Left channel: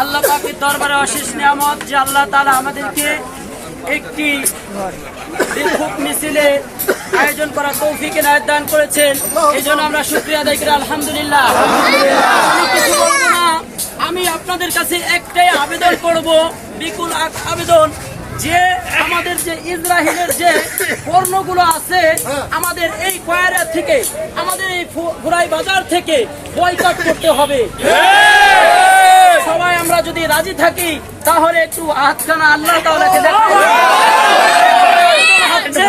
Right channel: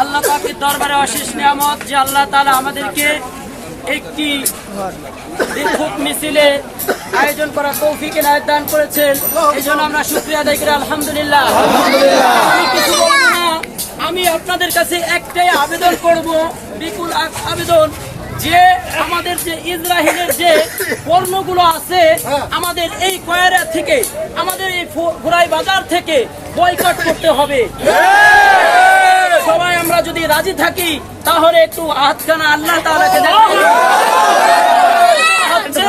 আল্লাহ পাকের দরবারে অশেষ নিয়ামত যে আল্লাহ তালা আমাদেরকে একটি বিক্ষোভ মিছিলে আয়োজন করা তৌফিক এনায়েত দান করেছেন। এই জন্য আমরা শুক্রিয়া করি, আলহামদুলিল্লাহ। আমি আপনাদের কাছে একটাই আবেদন করব, বিপুল আবেদন যে আমাদের যে ইসরাহিলের যে পণ্যগুলো আছে, আমাদের এই কয়রা থেকে, আমাদের এই ফুরাই বাজার থেকে বয়কট করতে হবে। আমরা যদি রাজি থাকি তাহলে একটু হাতখানা আল্লাহ তাআলাকে দেখাই। হচ্ছে,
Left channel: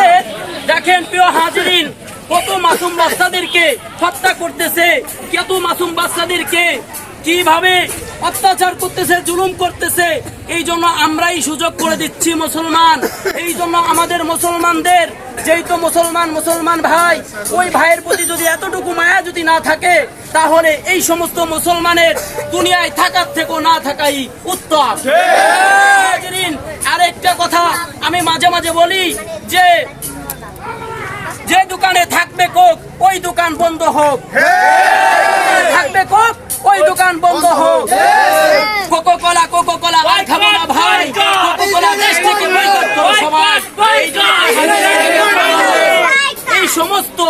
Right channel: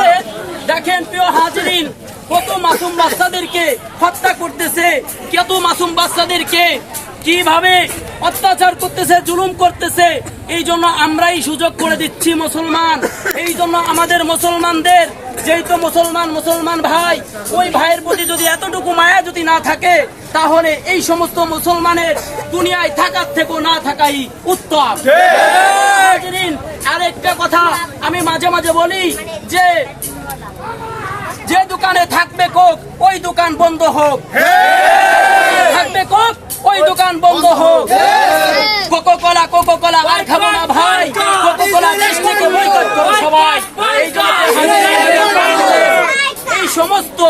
দেখেন প্রিয় হাজরিন কত মাসুম বাচ্চাদেরকে হত্যা করতেছে কত মাসুম বাচ্চাদেরকে কীভাবে অত্যাচার করতেছে, জুলুম করতেছে, এই জন্য আমরাই সুযোগ করে দিচ্ছি মুসলমান। এই জন্য আমাদের মুসলমানদের, যেই তো মুসলমান মুসলমান ভাই, ওই ভাইয়ের প্রতি যদি এতটুকু মায়া যদি না থাকে, তাহলে এই সমস্ত মুসলমানের দুনিয়ায় থাকার থেকেও না থাকাই উত্তম। আরেকটা কথা আমি মাঝে মাঝে বলি, যে যে দোকানে থাকবে কোক, ওই দোকান বন্ধ হোক। ওই দোকান বন্ধ হোক। কোকো কোলা কোকো কোলা আর খাব না ভাই। কোকো কোলা দেশ থেকে বয়কট করো সবাই। এই সমস্ত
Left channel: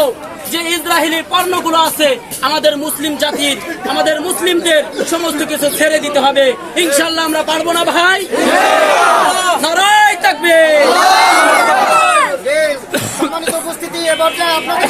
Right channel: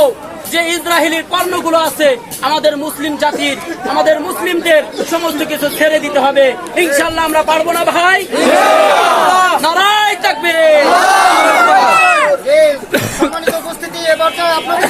যে ইসরায়েলি পণ্যগুলো আছে, আমাদের মুসলিম জাতির, আমাদের মুসলিমদের সমস্ত কিছু ছেড়ে দিতে হবে। ইনশাল্লাহ আমরা পারব না ভাই। নারায় থাকবে। উপস্থিতি, এ পর্যায়ে আপনাদের